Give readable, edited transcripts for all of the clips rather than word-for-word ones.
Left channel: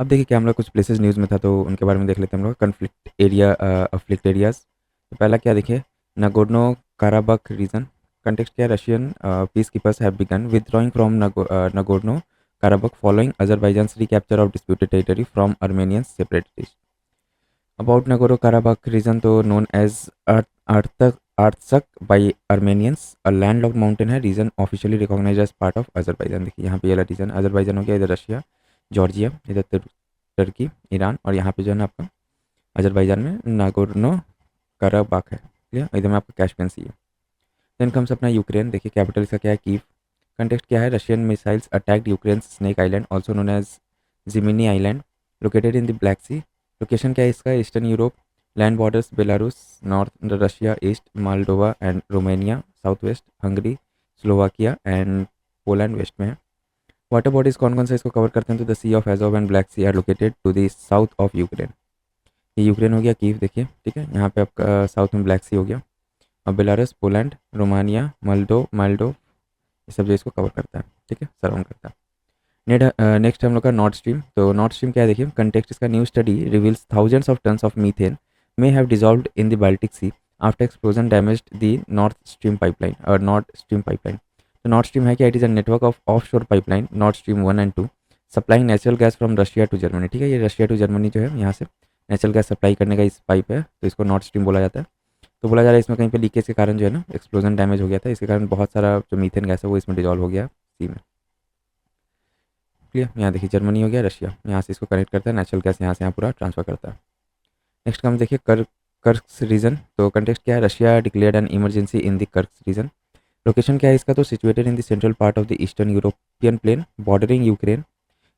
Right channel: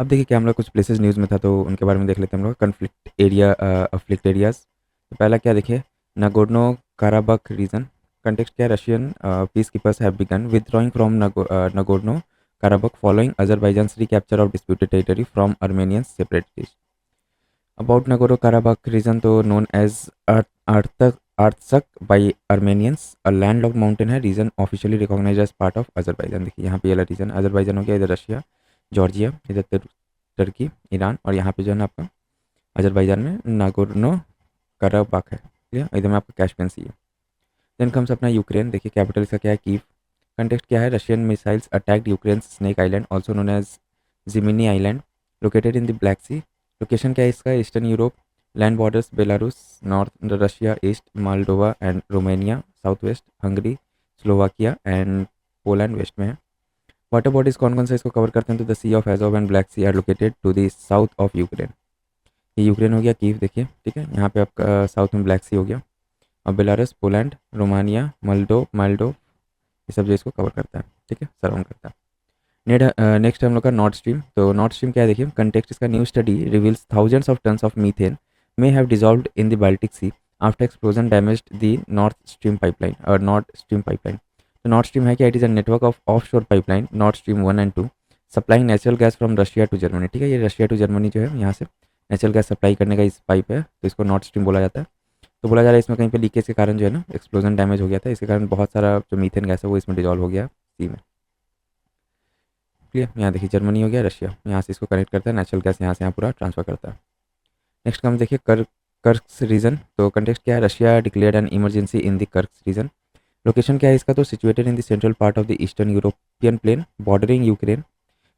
अब देखिए क्या हम लोग कुछ प्लेसेस न्यूज़ में था तो उनके बारे में देख लेते हैं हम लोग। अफ्लिक्ट एरियाज, पहला क्या देखिए, नागोर्नो काराबाख रीजन। कंटेक्स्ट क्या है, Russian peace keepers have begun withdrawing from Nagorno Karabakh following Azerbaijan's recapture of disputed territory from Armenian separatist. About Nagorno Karabakh region तो known as Artsakh by Armenians, a landlocked mountain है, region officially recognize as part of Azerbaijan. देखिए यहाँ पे ये region Azerbaijan हो गया, इधर Russia, Georgia, इधर टर्की, ईरान, और यहाँ पे जो है ना आपका अजरबैजान में नागोर्नो कराबाख है, ठीक है, इधर में आपका कैस्पियन सी है। देन कम्स अपना यूक्रेन। देखिए कैपिटल का क्या है, कीव। कंटेक्स्ट क्या है, Russian missiles attacked Ukraine Snake Island also known as Zmiinyi Island located in the Black Sea. Location क्या है इसका, eastern Europe, land borders Belarus, north Russia, east Moldova and Romania, south west Hungary, Slovakia and Poland west में है। Water bodies कौन कौन से इसको cover करते हैं, तो the Sea of Azov and Black Sea are located to the south of Ukraine. Ukraine हो गया, कीव देखिए, ठीक है, यहाँ पे आपका साउथ में ब्लैक सी हो गया, और बेलारस, पोलैंड, रोमानिया, माल्डो ये सब जो इसको कवर करता है, ठीक है, सराउंड करता है। नेक्स्ट हम लोग का नॉर्थ स्ट्रीम। तो नॉर्थ स्ट्रीम क्या है देखिए, कंटेक्स्ट इसका, new study reveals thousands of tons of methane may have dissolved in the Baltic Sea after explosion damaged the North Stream pipeline. और नॉर्थ स्ट्रीम पाइपलाइन, तो नॉर्थ स्ट्रीम है क्या, it is a network of offshore pipeline North Stream 1 and 2 supplying natural gas from Russia to Germany. ठीक है, ये Russia to Germany जो है यहाँ से नेचुरल गैस सप्लाई करने का इस पाइप है, तो इसको नॉर्थ स्ट्रीम बोला जाता है। तो बोला जा रहा है इसमें कहीं पे लीकेज के कारण जो है ना एक्सप्लोजन डैमेज हो गया था, इसके कारण बहुत सारा जो मीथेन गैस है वो इसमें डिजॉल्व हो गया सी में। ठीक है, यहाँ देखिए जर्मनी हो गया, रशिया यहाँ से इसको कनेक्ट करता है, नेचुरल गैस यहाँ से यहाँ पूरा ट्रांसफर करता है। नेक्स्ट हम देखिए कर्क्स रीजन। तो कंटेक्स्ट क्या है, Russia declared an emergency in the Kursk region. Location क्या है इसका, तो situated in the central part of the eastern European plain bordering Ukraine.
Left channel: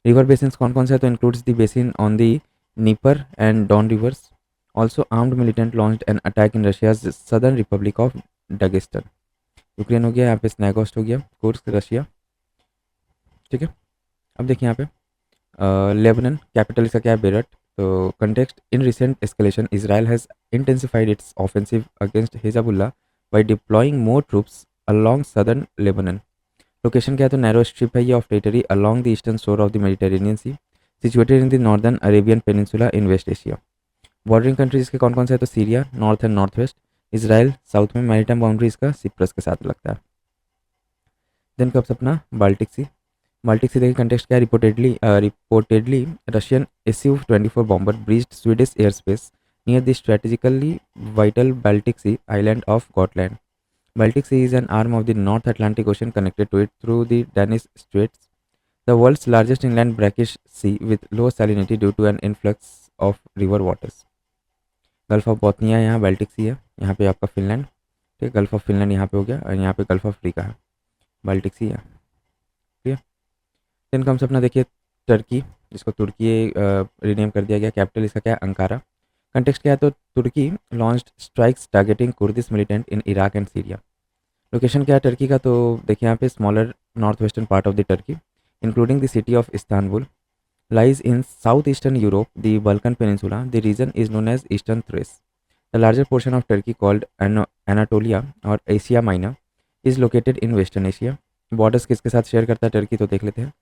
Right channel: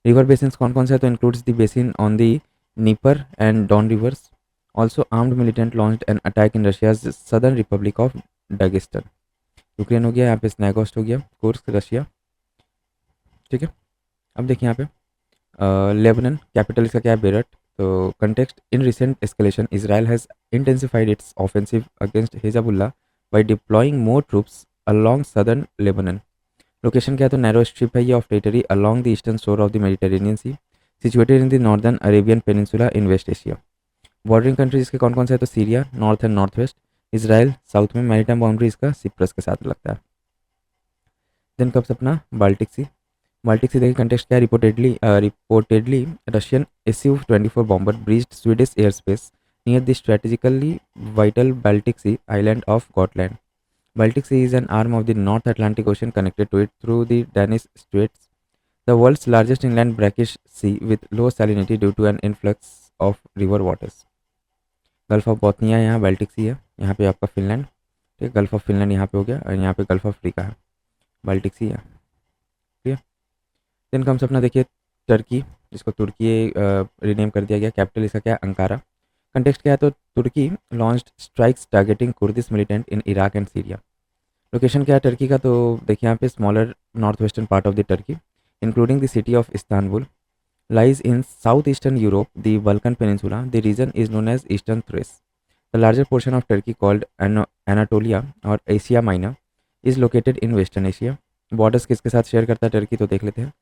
River basin कौन कौन से है, तो includes the basin on the Dnieper and Don rivers. Also armed militant launched an attack in Russia southern republic of Dagestan. Ukraine हो गया, यहाँ पे स्नैगोस्ट हो गया, कोर्स रशिया, ठीक है। अब देखिए यहाँ पे लेबनान, कैपिटल इसका क्या है, बेरट। तो context, in recent escalation Israel has intensified its offensive against Hezbollah by deploying more troops along southern Lebanon. Location क्या है, तो नैरो स्ट्रिप है ये of territory along the eastern shore of the Mediterranean Sea situated in the northern Arabian peninsula in West Asia. Bordering countries के कौन कौन से है, तो Syria north and north west, Israel south में, मैरीटाइम बाउंड्री इसका सिप्रस के साथ लगता है। दिन कब अपना बाल्टिक सी। बाल्टिक सी देखिए कंटेक्स्ट क्या है, reportedly Russian SU-24 bomber breached Swedish air space near the strategically vital Baltic Sea island of Gotland. Baltic Sea is an arm of the North Atlantic Ocean connected to it through the Danish Straits, the world's largest inland brackish sea with low salinity due to an influx of river waters. Gulf of Bothnia यहाँ Baltic सी है, यहाँ पे आपका Finland, ठीक है, gulf of Finland यहाँ पे हो गया, और यहाँ पे गल्फ ऑफ अफ्रीका है, बाल्टिक सी है, ठीक है। देन कम्स अपना देखिए टर्की, जिसको तुर्की रीनेम कर दिया गया, कैपिटल इसका क्या है, अंकारा। कंटेक्स्ट क्या है, तो Turkey launched strikes targeting Kurdish militant in Iraq and Syria. Location क्या है टर्की का, तो देखिए यहाँ पे smaller north western part of the Turkey including the city of Istanbul lies in southeastern Europe, the Balkan Peninsula. The region is known as Eastern Thrace. The larger portion of Turkey, called Anatolia or Asia Minor, is located in Western Asia. Borders किसके साथ share करता है Turkey, तो देख लेते हैं।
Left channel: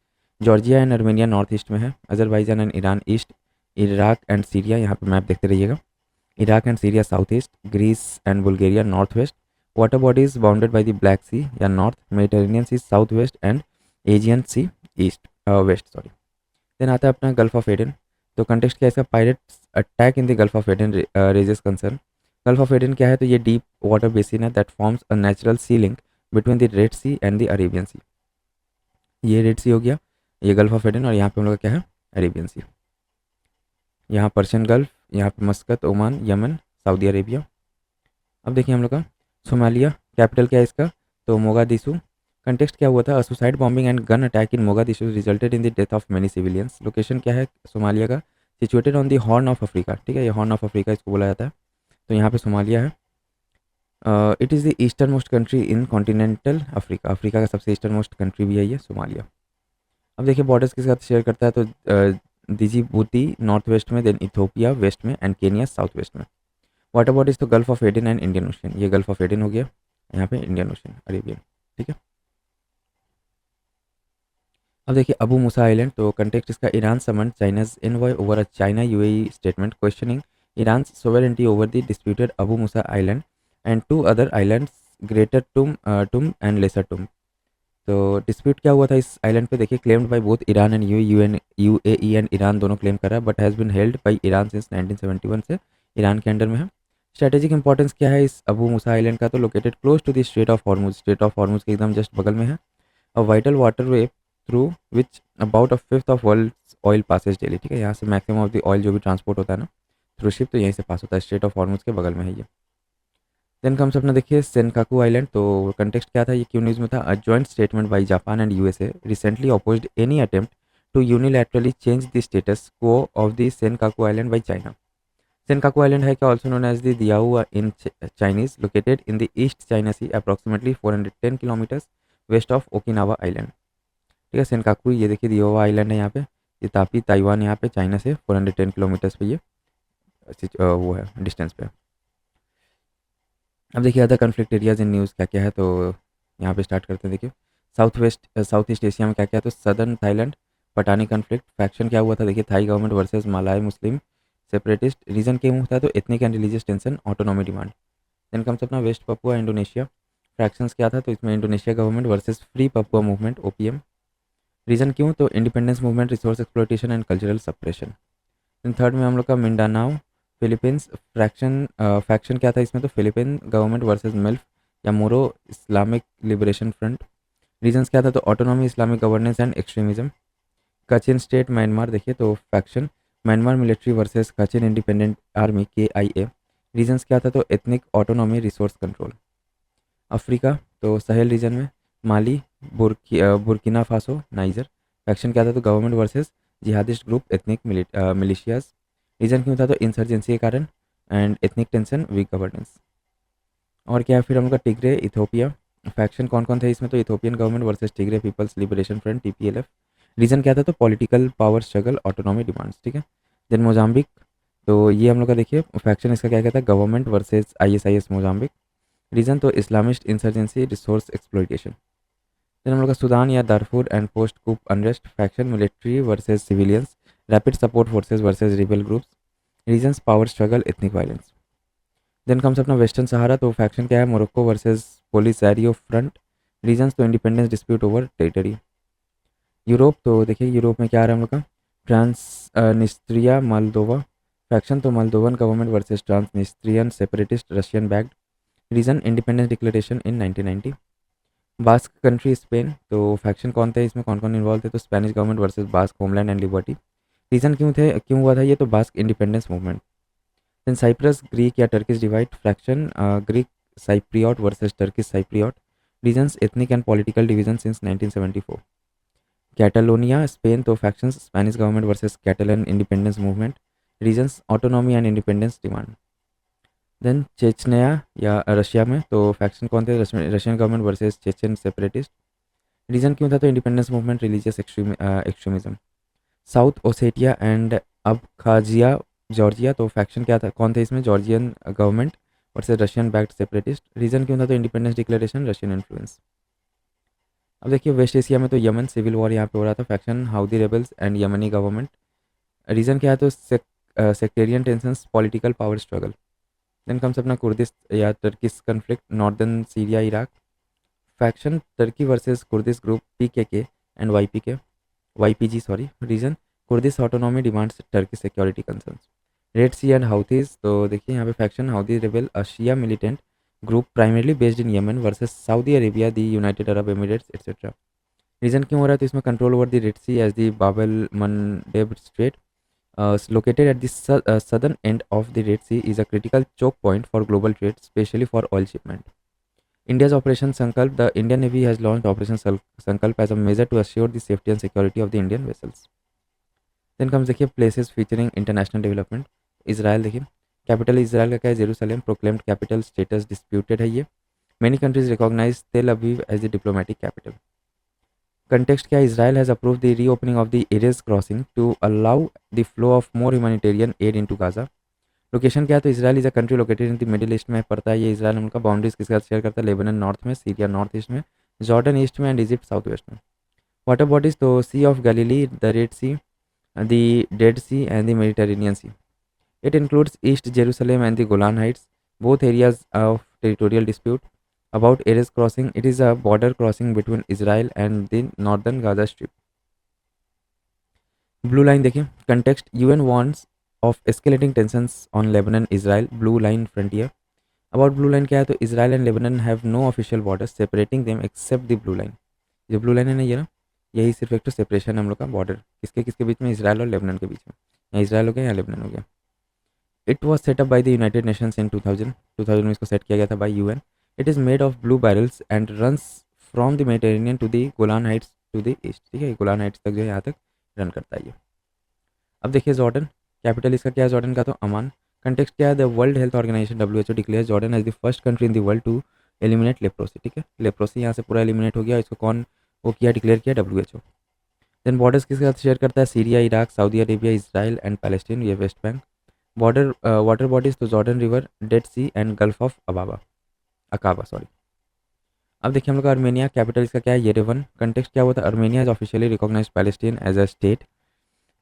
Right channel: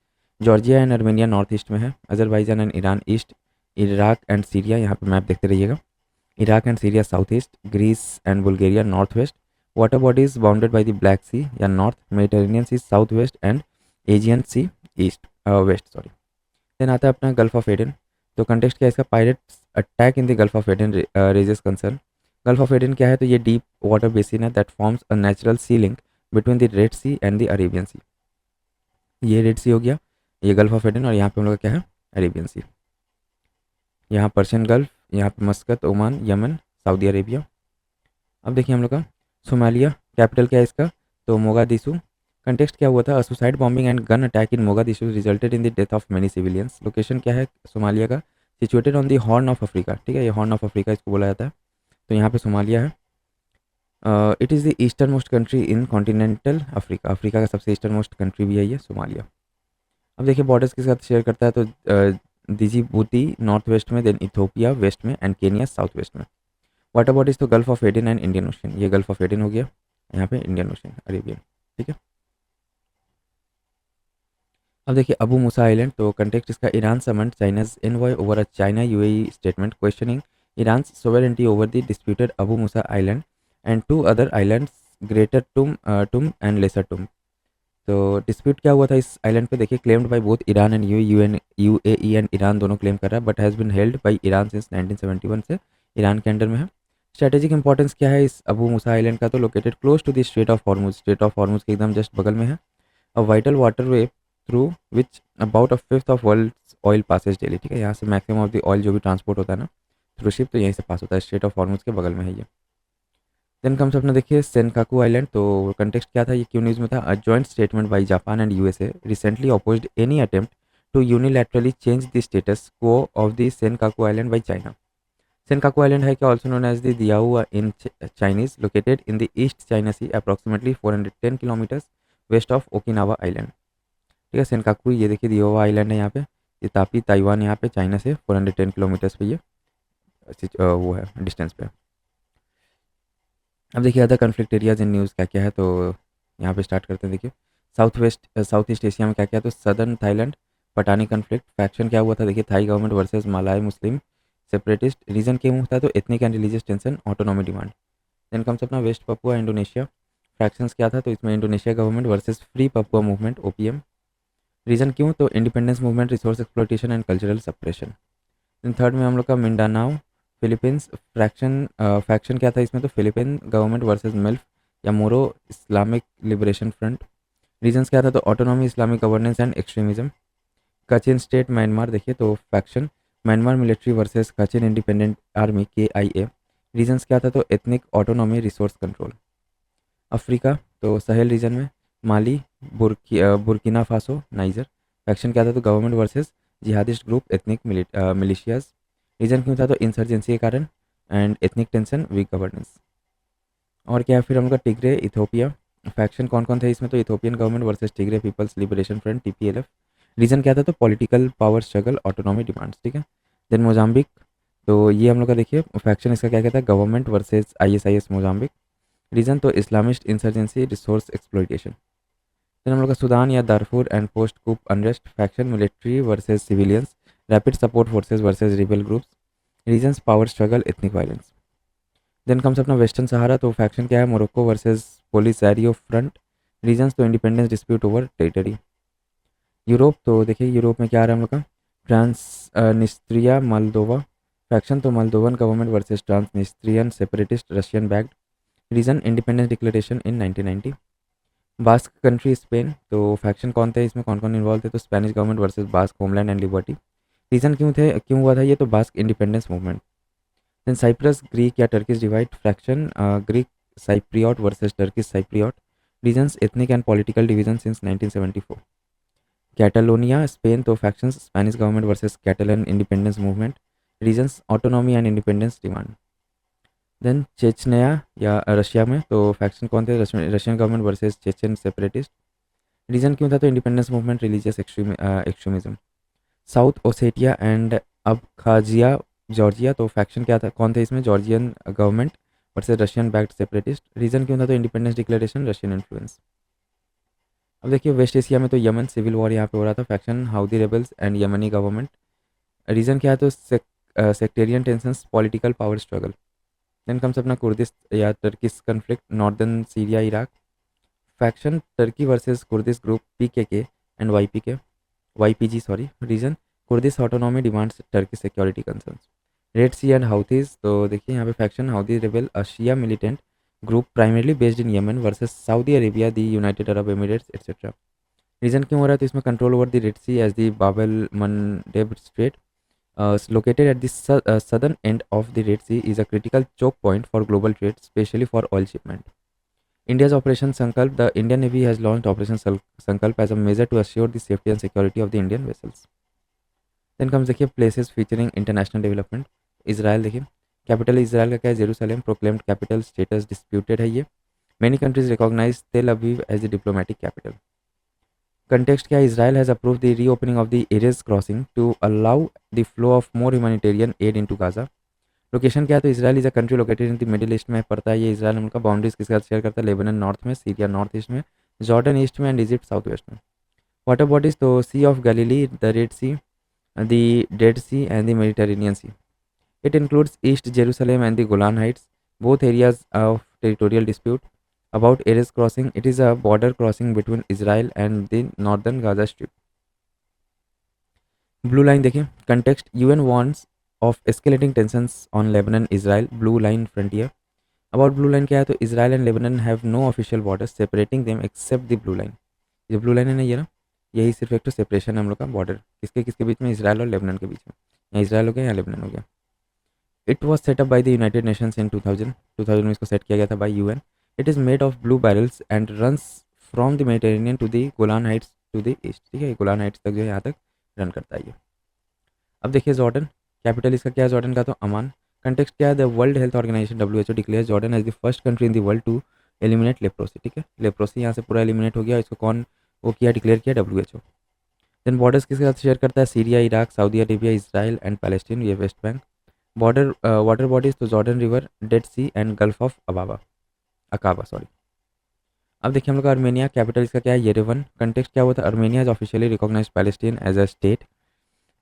Georgia and Armenia north east में है, Azerbaijan and Iran east, Iraq and Syria, यहाँ पर मैप देखते रहिएगा, Iraq and Syria south east, Greece and Bulgaria north west. Water bodies bounded by the Black Sea या north, Mediterranean Sea south west and Aegean Sea east west, sorry. Then आता है अपना Gulf of Aden. तो context क्या है इसका, pirates attack in the Gulf of Aiden raises concern. Gulf of Aden क्या है, तो ये डीप वाटर बेसिन है that forms a natural sea link between the Red Sea and the Arabian Sea. ये रेड सी हो गया, ये गल्फ ऑफ एडन, और यहाँ पे हम लोग का क्या है, अरेबियन सी। यहाँ पर्शियन गल्फ, यहाँ पे मस्कत, ओमान, यमन, सऊदी अरेबिया। अब देखिए हम लोग का सोमालिया, कैपिटल क्या है इसका, तो मोगादिशु। कंटेक्स्ट क्या हुआ था, suicide bombing and gun attack in Mogadishu resulted in the death of many civilians. Location क्या है सोमालिया का, situated on the horn of Africa, ठीक है, ये हॉर्न ऑफ अफ्रीका इसको बोला जाता है, तो यहाँ पे सोमालिया है। It is the eastern most country in continental Africa, Africa का सबसे ईस्टर्न मोस्ट कंट्री भी है ये सोमालिया। अब देखिए बॉर्डर्स के साथ शेयर करता है, तो डिजिबूती नॉर्थ वेस्ट में, देन इथोपिया वेस्ट में एंड केनिया साउथ वेस्ट में। वाटर बॉडीज तो gulf of Aiden and Indian ocean, ये गल्फ ऑफ एडन हो गया, यहाँ पे इंडियन ओशन अरेबियन, ठीक है। अब देखिए अबू मूसा आइलैंड, तो कंटेक्स्ट इसका Iran summoned China's envoy over a China UAE statement questioning Iran sovereignty over the disputed Abu Musa island and two other islands Greater Tunb and Lesser Tunb. तो dispute क्या हुआ था इस island पे, देखिए claimed by both Iran and UAE and Iran दोनों claim कर रहा है, but has been held by Iran since 1971 से ईरान के अंडर में है। स्ट्रेटेजिक इंपॉर्टेंस क्या है इस अबू मूसा आइलैंड का, तो located close to the strait of Hormuz के एकदम जस्ट बगल में है। A vital waterway through which about a fifth of world oil passes daily, ठीक है, यहाँ से मैक्सिमम ऑफ द ऑयल जो भी ट्रांसपोर्ट होता है ना थ्रू शिप, तो यहीं से पास होता है, स्ट्रेट ऑफ हॉर्मुज के बगल में है ये। देन कम्स अपना देखिए सेनकाकू आइलैंड, तो कंटेक्स्ट क्या था, ये क्यों न्यूज़ में था, a joint statement by Japan and USA recently opposed any attempt to unilaterally change the status quo of the Senkaku island by China. Senkaku island है क्या also known as the Diaoyu in Chinese, located in the East China Sea approximately 410 kilometres west of Okinawa island, ठीक है। Senkaku ये देखिए दियाओ island है यहाँ पे, ये तापी ताइवान यहाँ पे चाइना से 410 किलोमीटर्स पे ये वो है डिस्टेंस पे। अब देखिए other conflict areas in news क्या क्या है, तो यहाँ पे स्टार्ट करते हैं। देखिए साउथ ईस्ट एशिया में क्या क्या है, तो southern Thailand Pattani conflict faction क्या हुआ था, देखिए Thai government versus Malay Muslim separatist, reason क्यों हुआ था, तो ethnic and religious tension autonomy demand. Then comes अपना वेस्ट पपुआ इंडोनेशिया, फ्रैक्शंस क्या था, तो इसमें Indonesia government versus free Papua movement OPM, reason क्यों, तो independence movement resource exploitation and cultural suppression. Then third में हम लोग का मिंडानाओ फिलीपींस, फैक्शन क्या था इसमें, तो फिलीपीन गवर्नमेंट वर्सेस मिल्फ या मोरो इस्लामिक लिबरेशन फ्रंट, रीजंस क्या था, तो autonomy Islamic governance and extremism. Kachin state Myanmar देखिए, तो faction Myanmar military versus Kachin independent army KIA, reasons क्या था, तो ethnic autonomy resource control. Africa, तो सहेल रीजन में Mali Burkina Faso Niger, faction क्या था, तो government versus jihadist group ethnic militias, reason क्यों था, तो इंसर्जेंसी के कारण and ethnic tension weak governance. और क्या है फिर उनका टिग्रे इथोपिया, फैक्शन कौन कौन थे इसमें, तो Ethiopian government versus Tigray People's Liberation Front TPLF, reason क्या था, तो political power struggle autonomy demands, ठीक है। देन मोजाम्बिक, तो ये हम लोग का देखिए फैक्शन इसका क्या कहता है, government versus ISIS Mozambique, region तो Islamist insurgency resource exploitation. Then हम लोग का सूडान या Darfur and post coup unrest, faction military versus civilians, rapid support forces versus rebel groups, reasons power struggle ethnic violence. Then comes अपना Western Sahara, तो faction क्या है, Morocco versus Polisario Front, reasons तो independence dispute over territory. Europe, तो देखिए Europe में क्या आ रहा है हम लोग का, ट्रांसनिस्ट्रिया मोल्दोवा, फैक्शन तो Moldovan government versus Transnistrian separatist Russian backed, region independence declaration in 1990। Basque country Spain, तो फैक्शन कौन था इसमें, कौन कौन इन्वॉल्व थे, तो Spanish government versus Basque homeland and liberty, region क्यों हुआ था ये, तो Basque independence movement. In Cyprus Greek या Turkish divide, fraction Greek Cypriot versus Turkish Cypriot, reasons ethnic and political division since 1974। Catalonia Spain, तो factions Spanish government versus Catalan independence movement, reasons autonomy and independence demand. Then Chechnya या Russia में, तो faction कौन थे, Russian government versus Chechen separatist, reason क्यों था, तो independence movement religious extremism. South Ossetia and Abkhazia Georgia, तो faction क्या था, कौन था इसमें, Georgian government versus Russian backed separatist, reason क्यों था, तो इंडिपेंडेंस डिक्लेरेशन रशियन इन्फ्लुएंस। अब देखिए वेस्ट एशिया में तो यमन सिविल वॉर यहाँ पे हो रहा था, faction Houthi rebels and Yemeni government, region क्या है, तो sectarian tensions political power struggle. Then comes अपना कुर्दिश या Turkish conflict northern Syria Iraq, faction Turkey versus Kurdish group PKK and YPG sorry, region Kurdish autonomy demands Turkey security concerns. Red Sea and Houthis, तो देखिए यहाँ पे faction Houthi rebel Shia militant group primarily based in Yemen versus Saudi Arabia the United Arab Emirates etcetera, region क्यों हो रहा है, तो इसमें control over the Red Sea as the Bab el Mandeb strait located at the southern end of the Red Sea is a critical choke point for global trade, especially for oil shipment. India's Operation Sankalp, the Indian Navy has launched Operation Sankalp as a measure to assure the safety and security of the Indian vessels. Then comes देखिए places featuring international development. Israel देखिए capital Israel का क्या है, Jerusalem, proclaimed capital status disputed है ये, many countries recognize Tel Aviv as a diplomatic capital. Context क्या, Israel has approve the reopening of the Erez crossing to allow the flow of more humanitarian aid into Gaza. Location क्या है, तो Israel is a country located in the Middle East में पड़ता है ये, Israel उनका boundaries किसके साथ शेयर करता है, लेबनन नॉर्थ में, सीरिया नॉर्थ ईस्ट में, जॉर्डन ईस्ट में एंड इजिप्ट साउथ वेस्ट में। वाटर बॉडीज तो Sea of Galilee, the Red Sea, the Dead Sea and the Mediterranean Sea. It includes East Jerusalem and the Golan Heights, both areas of territorial dispute. About Erez crossing, it is a border crossing between Israel and the northern Gaza Strip. Blue line देखिए, context UN warns of escalating tensions on Lebanon-Israel blue line frontier. About blue line क्या है तो Israel and Lebanon have no official borders separating them except the blue line. ये blue line है ना, ये ना, यही सिर्फ एक तो सेपरेशन है हम लोग का बॉर्डर किसके किसके बीच में, इसराइल और लेबनान के बीच में, या इसराइल हो गया या लेबनान हो गया. It was setup by the United Nations in 2000 में इसको सेट किया गया था by UN. It is made of blue barrels and runs from the Mediterranean to the Golan Heights to the east. ठीक है, गोलान हाइट्स तक जो है यहाँ तक रन करता है ये. अब देखिए जॉर्डन, कैपिटल इसका क्या है जॉर्डन का तो अमान. कंटेक्स्ट क्या है, the World Health Organization WHO declare Jordan as the first country in the world to eliminate leprosy. ठीक है, लेप्रोसी यहाँ से पूरा एलिमिनेट हो गया. इसको कौन वो किया, डिक्लेयर किया, WHO. देन बॉर्डर्स किसके साथ शेयर करता है, Syria, Iraq, Saudi Arabia, Israel and Palestine, ये West Bank. Border water bodies तो Jordan River, Dead Sea and Gulf of Aqaba sorry. अब देखिए हम लोग का आर्मेनिया, कैपिटल इसका क्या है, येरेवन. कंटेक्स्ट क्या होता है, Armenia is officially recognise Palestine as a state.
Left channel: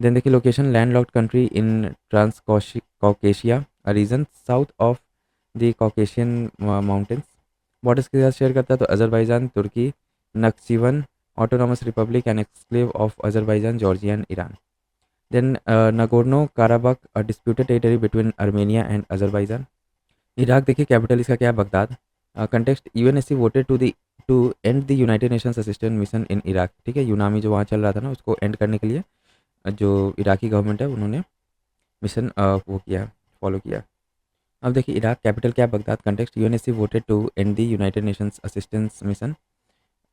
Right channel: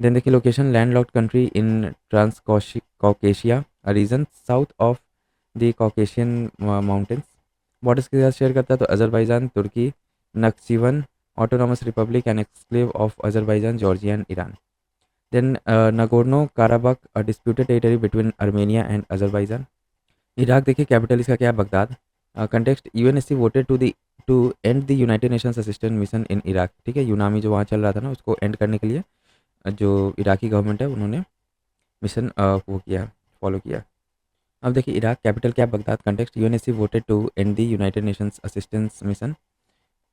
Then देखिए location, landlocked country in Transcaucasia region south of the Caucasian mountains. Borders के साथ शेयर करता है तो Azerbaijan, Turkey, Nakhchivan Autonomous Republic and exclave of Azerbaijan, Georgia and Iran. Then Nagorno-Karabakh, a disputed territory between Armenia and Azerbaijan. Iraq देखिए capital इसका क्या है, Baghdad. Context UNSC voted to end the United Nations assistant mission in Iraq. ठीक है, यूनामी जो वहाँ चल रहा था ना उसको एंड करने के लिए जो इराकी गवर्नमेंट है उन्होंने मिशन वो किया, फॉलो किया. अब देखिए इराक कैपिटल क्या है, Baghdad. Context UNSC voted to end the United Nations assistance mission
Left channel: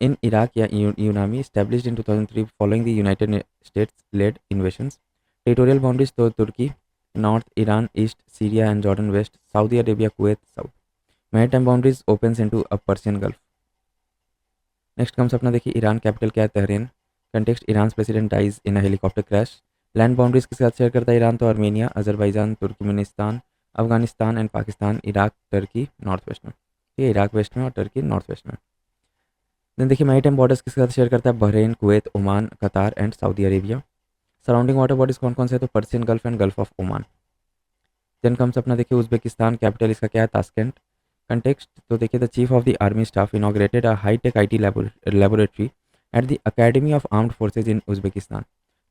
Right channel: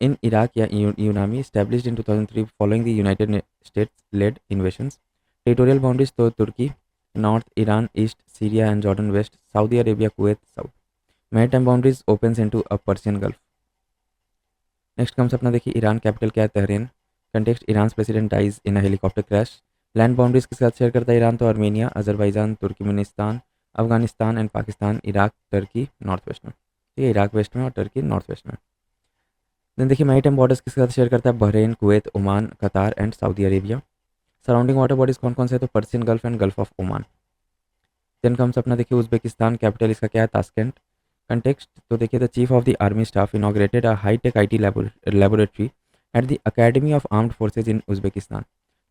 in Iraq या UNAMI established in 2003 following the United States led invasions. Territorial boundaries तो तुर्की north, Iran east, Syria and Jordan west, Saudi Arabia, Kuwait south. Maritime boundaries opens into a Persian Gulf. Next comes अपना देखिए Iran, capital क्या है, Tehran. Context Iran president dies in a helicopter crash. Land boundaries के साथ share करता है Iran तो Armenia, Azerbaijan, Turkmenistan, Afghanistan and Pakistan, Iraq, Turkey north west में. ठीक है, इराक वेस्ट में और टर्की नॉर्थ वेस्ट में. देन देखिए मैरीटाइम बॉर्डर्स के साथ शेयर करता है Bahrain, Kuwait, Oman, Qatar and Saudi Arabia. Surrounding water bodies कौन कौन से, तो Persian Gulf and Gulf of Oman. Then comes अपना देखिए उज्बेकिस्तान, कैपिटल इसका क्या है, ताशकेंट. कंटेक्स्ट तो देखिए the chief of the army staff inaugurated a high tech IT laboratory at the academy of armed forces in Uzbekistan.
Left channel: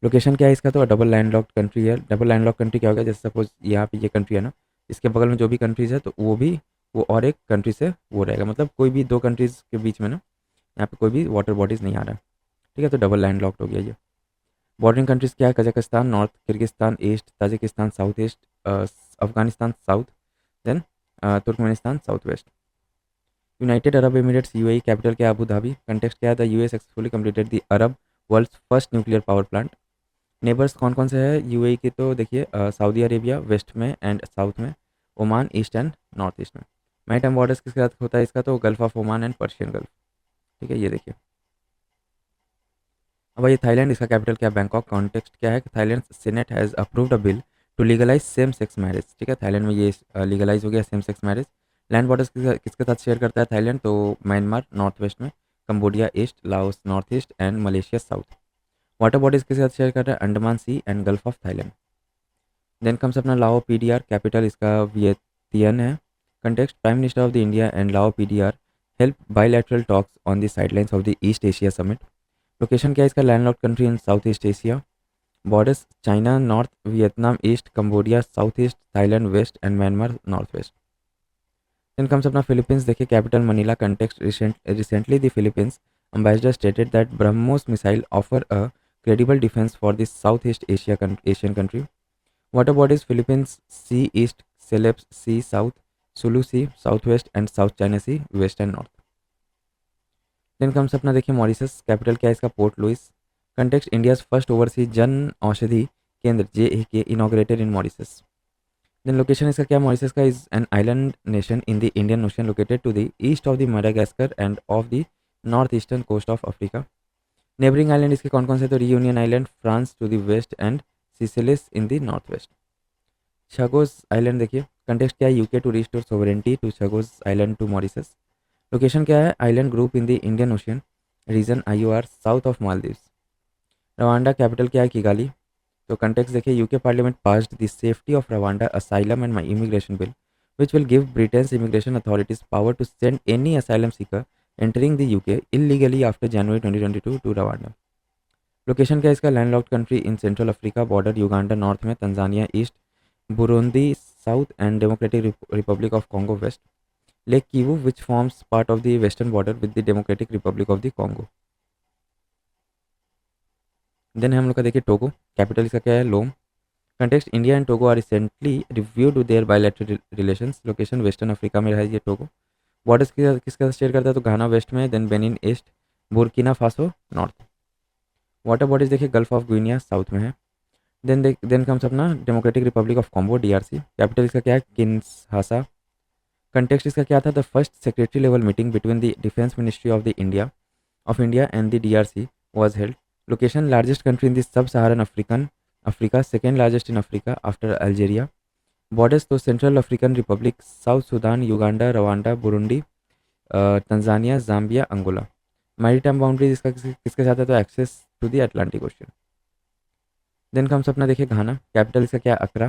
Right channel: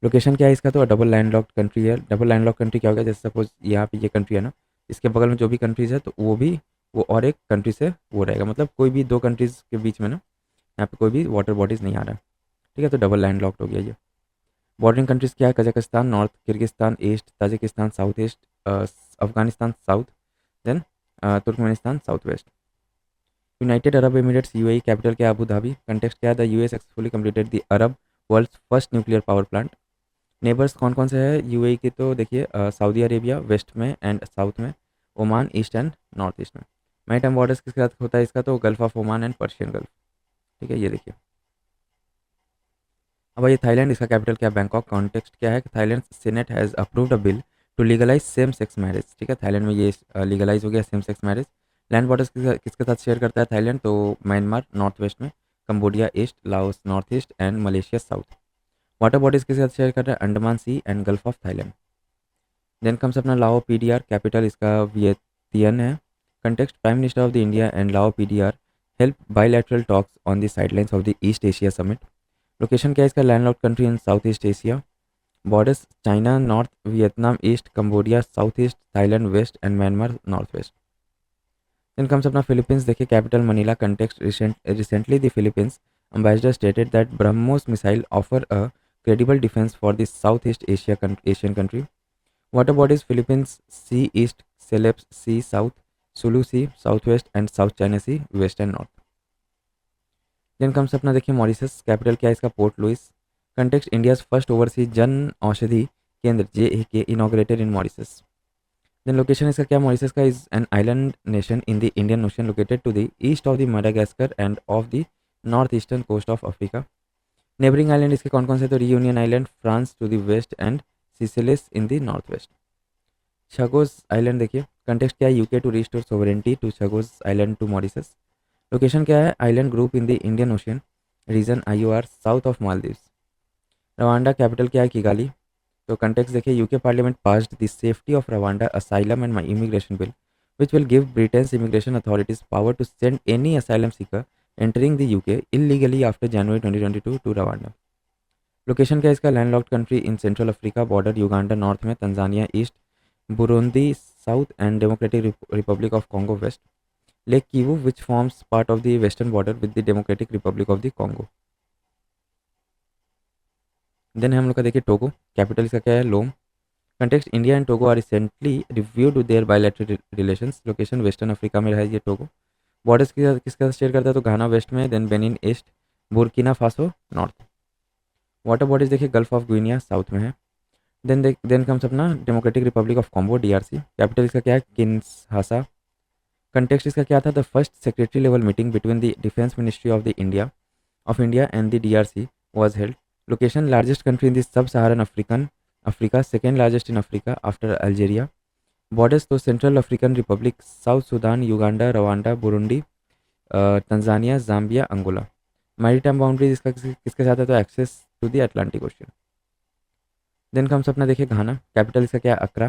Location क्या है इसका, तो डबल लैंडलॉक्ड कंट्री है. डबल लैंडलॉक्ड कंट्री क्या होगा, जैसे सपोज यहाँ पे ये कंट्री है ना, इसके बगल में जो भी कंट्रीज है तो वो भी वो और एक कंट्री से वो रहेगा, मतलब कोई भी दो कंट्रीज के बीच में ना यहाँ पे कोई भी वाटर बॉडीज नहीं आ रहा. ठीक है, तो डबल लैंड लॉक्ड हो गया ये. बॉर्डरिंग कंट्रीज क्या है, Kazakhstan north, Kyrgyzstan east, Tajikistan south east, Afghanistan south, then Turkmenistan south west. United Arab Emirates UAE, capital क्या है, अबू धाबी. कंटेक्स्ट क्या है, the UAE successfully completed the Arab world's first nuclear power plant. Neighbours कौन कौन सा है UAE की, तो देखिए सऊदी अरेबिया वेस्ट में एंड साउथ में, Oman east and north east में. मैरीटाइम बॉर्डर्स किसके साथ होता है इसका, तो gulf of Oman and Persian gulf. ठीक है, ये देखिए. अब ये थाईलैंड, इसका कैपिटल क्या है, बैंकॉक. कॉन्टेक्स्ट क्या है, Thailand senate has approved a bill to legalise same sex marriage. ठीक है, थाईलैंड में ये लीगलाइज हो गया same sex marriage. Land borders किसके साथ शेयर करता है थाईलैंड, तो म्यांमार नॉर्थ वेस्ट में, Cambodia east, Laos north east and Malaysia south. Water bodies के साथ शेयर कर रहा है Andaman Sea and Gulf of Thailand. Then comes अपना लाओ PDR, कैपिटल इसका वियतियन है. Context prime minister of the India and Lao PDR held bilateral talks on the sidelines of the East Asia summit. Location क्या है इसका, landlocked country in South East Asia. Borders China north, Vietnam east, Cambodia south east, Thailand west and Myanmar north west. Then comes अपना Philippines देखिए, capital Manila. Context recently the Philippines ambassador stated that BrahMos missile offer a credible defense for the Southeast Asian country. Water bodies Philippines Sea East, Celebes Sea South, Sulu Sea Southwest and South China Sea West and North. Then comes अपना देखिए Mauritius, capital क्या है इसका, Port Louis. Context India's first overseas Jan Aushadhi Kendra JEK inaugurated in Mauritius. Then location इसका क्या, Mauritius का is an island nation in the Indian Ocean located to the east of the Madagascar and of the north eastern coast of Africa. Neighbouring island इसके कौन कौन से, तो Reunion Island France to the west and सिसिलिस in the north west. Chagos island देखिए, context क्या है, UK to restore sovereignty to Chagos island to Mauritius. Location क्या है, island group in the Indian Ocean region IOR south of Maldives. Rwanda capital क्या है? Kigali. तो context देखिए, UK parliament passed the safety of Rwanda asylum and immigration bill which will give Britain's immigration authorities power to send any asylum seeker entering the UK illegally after January 2022 to Rwanda. Location क्या है इसका? Landlocked country in central Africa, border Uganda north में, Tanzania east, Burundi south and Democratic Republic of Congo west, lake Kivu which forms part of the western border with the Democratic Republic of the Congo. Then हम लोग का देखिए Togo, capital इसका क्या है? Lomé. Context, India and Togo are recently reviewed their bilateral relations. Location western Africa में है ये टोगो। बॉर्डर्स किसका शेयर करता है? तो घाना वेस्ट में, then Benin east, Burkina Faso north. Water bodies देखिए, गल्फ ऑफ गुइनिया साउथ में है। देन कम्स अपना Democratic Republic of Congo, DRC. Capital इसका क्या है? किन्शासा। कंटेक्स्ट इसका क्या था? The first secretary level meeting between the defence ministry of India and the DRC was held. Location, largest country in the sub Saharan Africa, second largest in Africa after Algeria. Borders तो Central African Republic, South Sudan, Uganda, Rwanda, Burundi, Tanzania, Zambia, Angola. Maritime boundaries इसका किसके साथ है? तो access to the Atlantic Ocean. Then comes अपना देखिए घाना, capital इसका क्या है? अकरा।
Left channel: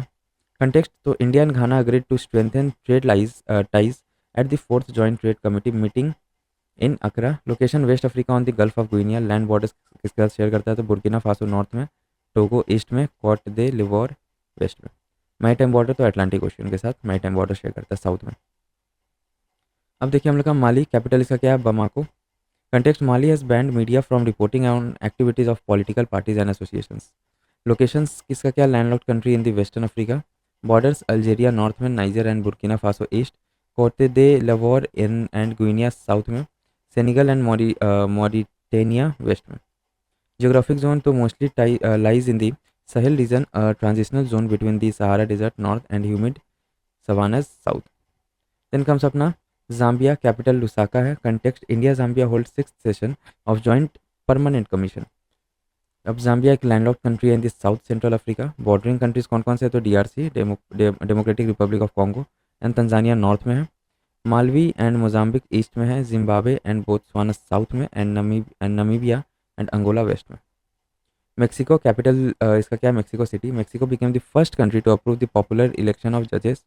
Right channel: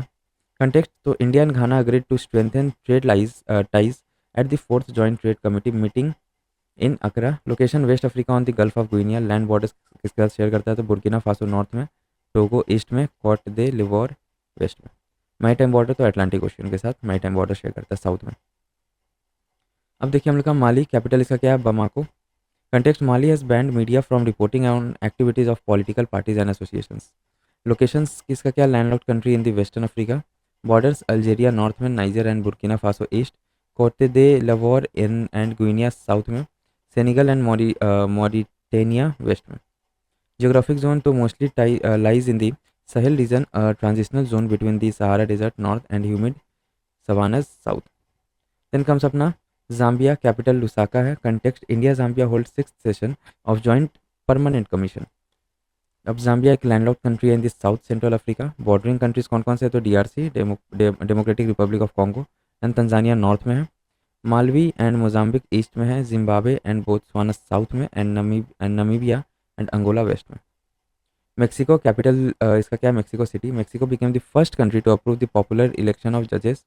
कंटेक्स्ट, तो India and Ghana agreed to strengthen trade ties at the fourth joint trade committee meeting in Accra. Location, west Africa on the Gulf of Guinea. Land borders किसके साथ share करता है? तो Burkina Faso north में, Togo east में, Cote d'Ivoire west में। Maritime border तो Atlantic Ocean के साथ मैरीटाइम बॉर्डर शेयर करता है साउथ में। अब देखिए हम लोग का माली, कैपिटल इसका क्या है? Bamako. Context, Mali has banned media from reporting on activities of political parties and associations. Locations किसका क्या? Landlocked country in the western Africa. Borders, Algeria north में, Niger and Burkina Faso east, Cote d'Ivoire in and Guinea south में, Senegal and Mauritania west में। Geographic zone तो mostly lies in the Sahel region, a transitional zone between the Sahara Desert north and humid savannas south. Then comes अपना Zambia, capital Lusaka है। Context, India Zambia holds sixth session of joint permanent commission. अब Zambia एक landlocked country है in the south central Africa. Bordering countries कौन कौन से है? तो DRC, Democratic Republic of Congo and Tanzania north में है, मालवी एंड मोजाम्बिक ईस्ट में है, जिम्बाब्वे एंड बोत्सवाना साउथ में, and Namibia and Angola west में। मेक्सिको, कैपिटल इसका क्या है? Mexico City. Mexico became the first country to approve the popular election of जजेस।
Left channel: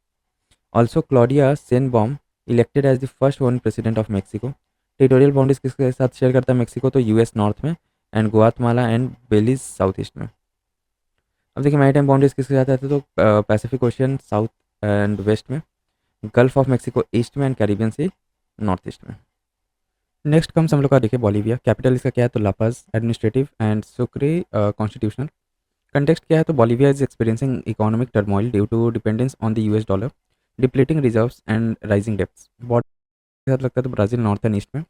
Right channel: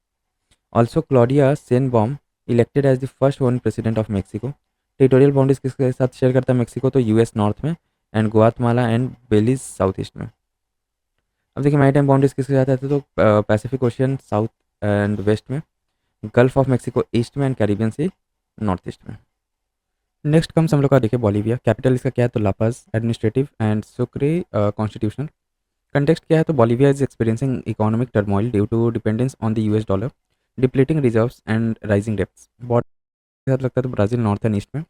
Also Claudia सेनबॉम elected as the first woman president of Mexico. Territorial boundaries किसके साथ share करता है Mexico? तो यूएस नॉर्थ में, and Guatemala and Belize south east में। अब देखिए मैरीटाइम बाउंड्रीज किसके साथ आती है? तो Pacific Ocean south and west में, गल्फ ऑफ मेक्सिको ईस्ट में, and Caribbean Sea north east में। नेक्स्ट कम्स हम लोग का देखिए बॉलीविया, कैपिटल इसका क्या है? तो La Paz, administrative and Sucre constitutional. Context क्या है? तो Bolivia is experiencing economic turmoil due to dependence on the US dollar, depleting reserves and rising debts. Border के साथ लगता है तो ब्राजील नॉर्थ एंड ईस्ट में,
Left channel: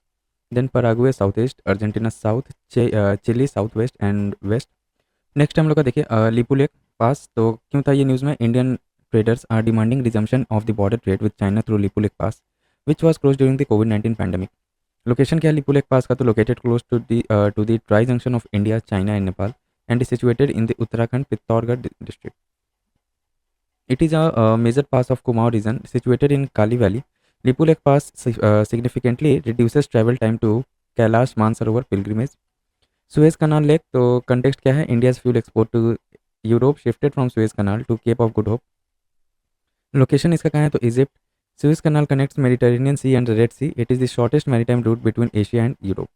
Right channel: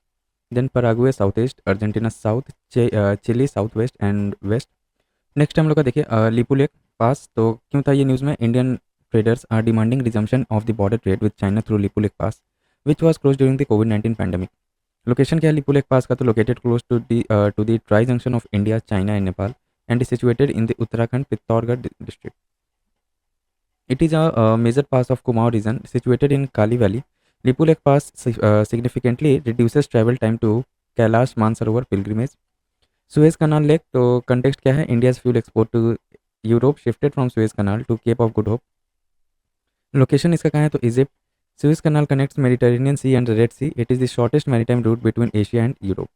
then Paraguay south east, Argentina south, Chile south west and west. Next हम लोग का देखिए लिपुलेक पास। तो क्यों था ये न्यूज़ में? Indian traders are demanding resumption of the border trade with China through Lipulekh pass which was close during the कोविड-19 पैंडेमिक। लोकेशन क्या है लिपुलेक पास का? तो located close to the tri junction of India, China and Nepal, and is situated in the Uttarakhand Pittorgarh district. It is a major pass of Kumaon region situated in Kali Valley. Lipu Lake Pass significantly reduces travel time to Kailash Mansarovar pilgrimage. Suez Canal Lake, तो context क्या है? India's fuel export to Europe shifted from Suez Canal to Cape of Good Hope. Location इसका कहाँ है? तो Egypt. Suez Canal connects Mediterranean Sea and the Red Sea. It is the shortest maritime route between Asia and Europe.